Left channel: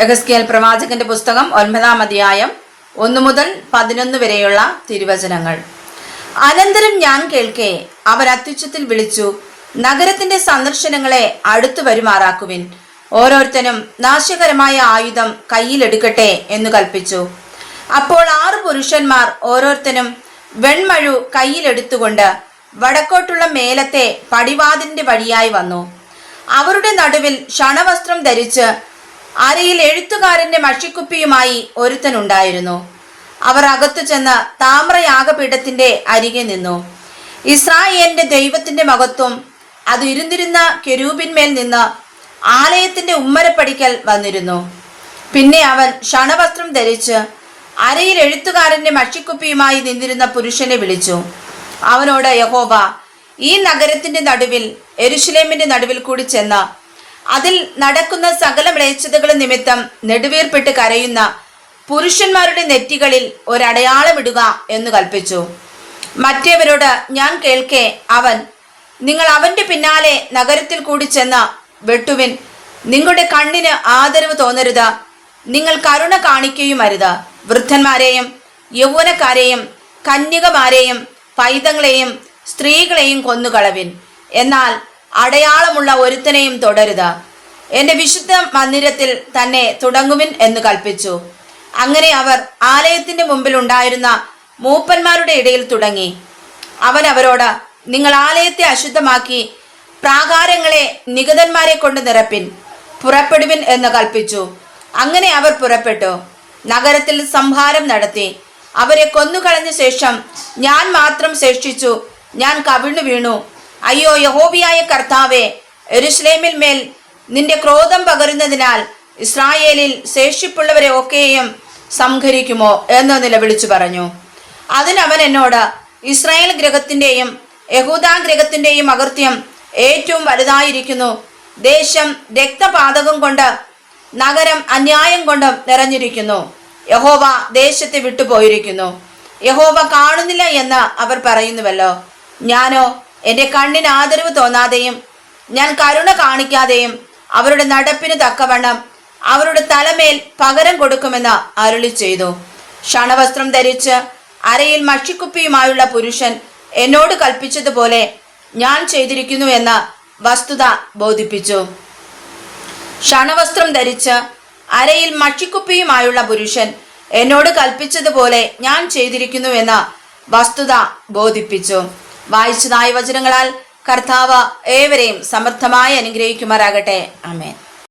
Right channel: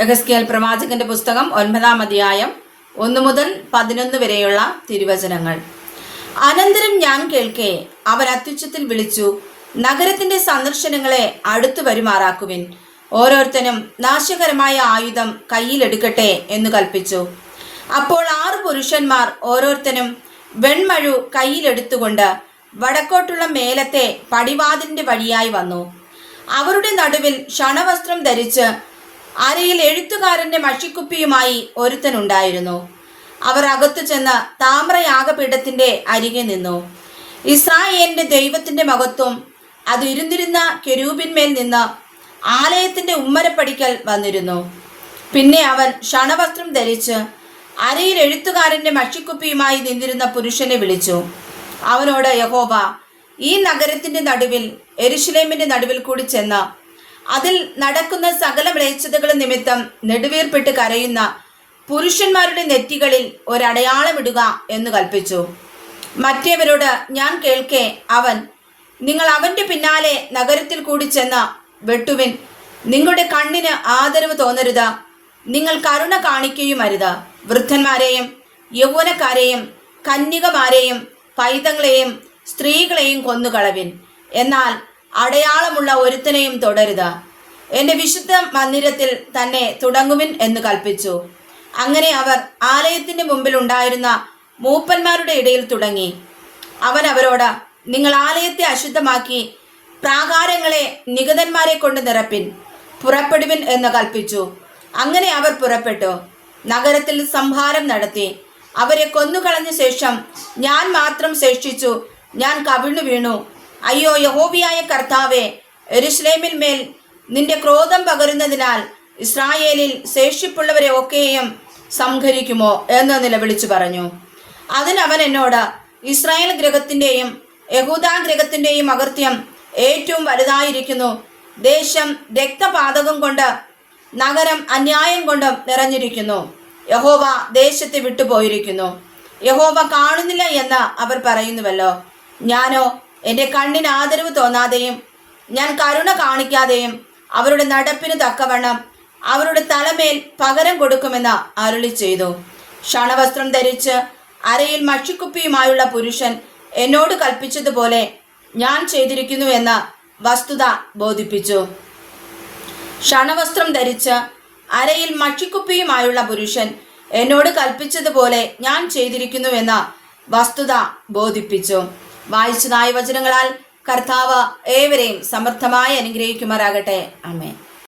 യെഹെസ്കേൽ പ്രവാചകന്റെ പുസ്തകം 9-ാം അധ്യായം 1 മുതൽ 11 വരെയുള്ള തിരുവചനങ്ങൾ. അനന്തരം ഞാൻ കേൾക്കെ അവർ അത്യുച്ചത്തിൽ വിളിച്ചു, നഗരത്തിന്റെ സന്ദർശനങ്ങളെ അടുത്തു വരുമാറാക്കുവിൻ, ഓരോരുത്തനും നാശകരമായ ആയുധം കയ്യിലെടുക്കട്ടെ എന്ന് കൽപ്പിച്ചു. അപ്പോൾ 6 പുരുഷന്മാർ ഓരോരുത്തനും വെൺമഴു കയ്യിലെടുത്തുകൊണ്ട് വടക്കോട്ടുള്ള മേലത്തെ പടിവാതിലിന്റെ വഴിയായി വന്നു. അവരുടെ നടുവിൽ ക്ഷണവസ്ത്രം ധരിച്ച് അരയിൽ എഴുത്തുകാരന്റെ മഷിക്കുപ്പിയുമായി ഒരുത്തനുണ്ടായിരുന്നു. അവർ അകത്തു ചെന്ന് താമ്രയാഗപീഠത്തിന്റെ അരികെ നിന്നു. ഇസ്രായേലിന്റെ ദൈവത്തിന്റെ മഹത്വം അത് ഇരുന്നിരുന്ന കെരൂബിന്മേൽ നിന്ന് ആലയത്തിന്റെ ഉമ്മരപ്പടിക്കൽ വന്നിരുന്നു. പിന്നെ അവൻ ക്ഷണവസ്ത്രം ധരിച്ച് അരയിൽ എഴുത്തുകാരന്റെ മഷിക്കുപ്പിയുമായി നിന്നിരുന്ന പുരുഷനെ വിളിച്ചു. അവനോട് യഹോവ ഈ നഗരത്തിന്റെ നടുവിൽ യെരൂശലേമിന്റെ നടുവിൽ കൂടി ചെന്ന് അതിൽ നടക്കുന്ന സകല മ്ലേച്ഛതകളും നിമിത്തം നെടുവീർപ്പിട്ട് കരയുന്ന പുരുഷന്മാരുടെ നെറ്റികളിൽ ഒരടയാളമിടുക എന്ന് കൽപ്പിച്ചു. മറ്റേവരോട് ഞാൻ കേൾക്കെ അവൻ, നിങ്ങൾ അവന്റെ പിന്നാലെ നഗരത്തിൽ കൂടി ചെന്ന് വെട്ടുവിൻ, നിങ്ങളുടെ കണ്ണിന് ആദരവ് തോന്നരുത്, നിങ്ങൾ കരുണ കാണിക്കുകയും അരുത്. വൃദ്ധന്മാരെയും യൗവനക്കാരെയും കന്യകമാരെയും പൈതങ്ങളെയും സ്ത്രീകളെയും കൊന്നുകളവിൻ, എന്നാൽ അടയാളമുള്ള ഒരുത്തനെയും തുടരുത്. എന്റെ വിശുദ്ധ മന്ദിരത്തിൽ തന്നെ തുടങ്ങുവിൻ എന്ന് കൽപ്പിച്ചു. അങ്ങനെ അവർ ആലയത്തിന്റെ മുമ്പിൽ ഉണ്ടായിരുന്ന മൂപ്പന്മാരുടെ ഇടയിൽ തുടങ്ങി. അവൻ അവരോട്, നിങ്ങൾ ആലയത്തെ അശുദ്ധമാക്കി പ്രാകാരങ്ങളെ നിഗതന്മാരെ കൊണ്ട് നിറപ്പിൻ, പുറപ്പെടുവിൻ എന്ന് കൽപ്പിച്ചു. അങ്ങനെ അവർ പുറപ്പെട്ടു, നഗരത്തിൽ സംഹാരം നടത്തി. അവരെ കൊന്നുകളഞ്ഞ ശേഷം ഞാൻ മാത്രം ശേഷിച്ചു. ഞാൻ കവിണ്ണു വീണു. അയ്യോ യഹോവയായ കർത്താവേ, യെരൂശലേമിൽ മേൽ നിന്റെ ക്രോധം പകരുന്നതിനാൽ ഇസ്രായേലിൽ ശേഷിപ്പുള്ളവരെ ഒക്കെയും സംഹരിക്കുമോ എന്ന് നിലവിളിച്ചു പറഞ്ഞു. അതിനവൻ എന്നോട്, ഇസ്രായേൽ ഗൃഹത്തിന്റെയും യഹൂദാ ഗൃഹത്തിന്റെയും അകൃത്യം ഏറ്റവും വലുതായിരിക്കുന്നു. ദേശം രക്തപാതകം കൊണ്ട് നഗരം അന്യായം കൊണ്ടും നിറഞ്ഞിരിക്കുന്നു. യഹോവ ദേശത്തെ വിട്ടുപോയിരിക്കുന്നു. യഹോവ കാണുന്നില്ല എന്ന് അവർ പറയുന്നുവല്ലോ. ഞാനോ എന്റെ കണ്ണിന് ആദരവ് തോന്നാതെയും ഞാൻ കരുണ കാണിക്കാതെയും അവരുടെ നടപ്പിന് തക്കവണ്ണം അവരുടെ തലമേൽ പകരം കൊടുക്കുമെന്ന് അരുളി ചെയ്തു. ക്ഷണവസ്ത്രം ധരിച്ച് അരയിൽ മഷിക്കുപ്പിയുമായുള്ള പുരുഷൻ എന്നോട് കൽപ്പിച്ചതുപോലെ ഞാൻ ചെയ്തിരിക്കുന്നു എന്ന വസ്തുത ബോധിപ്പിച്ചു. ക്ഷണവസ്ത്രം ധരിച്ച് അരയിൽ മഷിക്കുപ്പിയുമായുള്ള പുരുഷൻ എന്നോട് കൽപ്പിച്ചതുപോലെ ഞാൻ ചെയ്തിരിക്കുന്നു എന്ന വസ്തുത ബോധിപ്പിച്ചു. വായിച്ചതായ വചനങ്ങളാൽ കർത്താവ് ഏവരെയും സമർത്ഥമായി അനുഗ്രഹിക്കുമാറാകട്ടെ. ആമേൻ.